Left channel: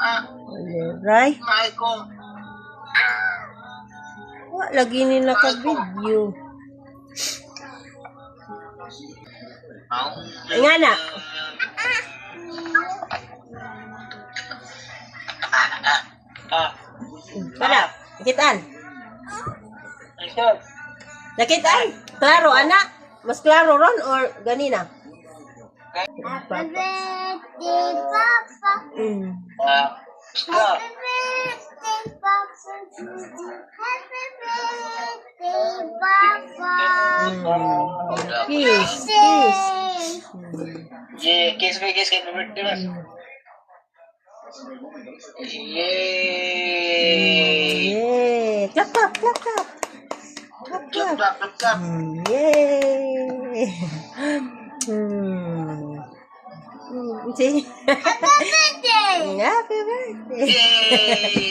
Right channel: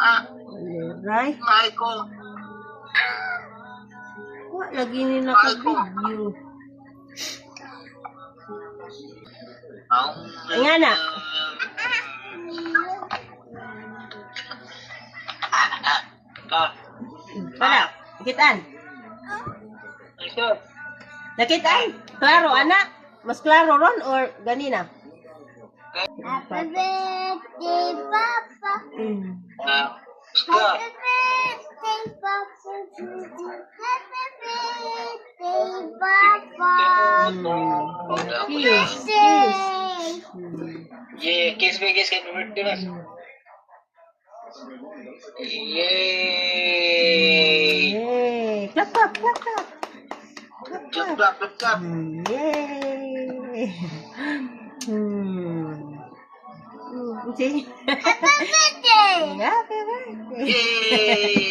Right? Lagi ni naka-video. Nga na. Para, nakitaan. Nakitaan. Klaro, anak. Mas klaro ron or ganina? Happy birthday, Papa. Happy birthday, Papa. Happy birthday, Papa. Kiss, kiss. Yeah, kiss me, kiss happy birthday, mas. Yay! Yay! Clap, clap, clap, clap. Clap, Clap, clap. clap, clap, clap. Yay! See? Happy birthday. Happy birthday! Yay!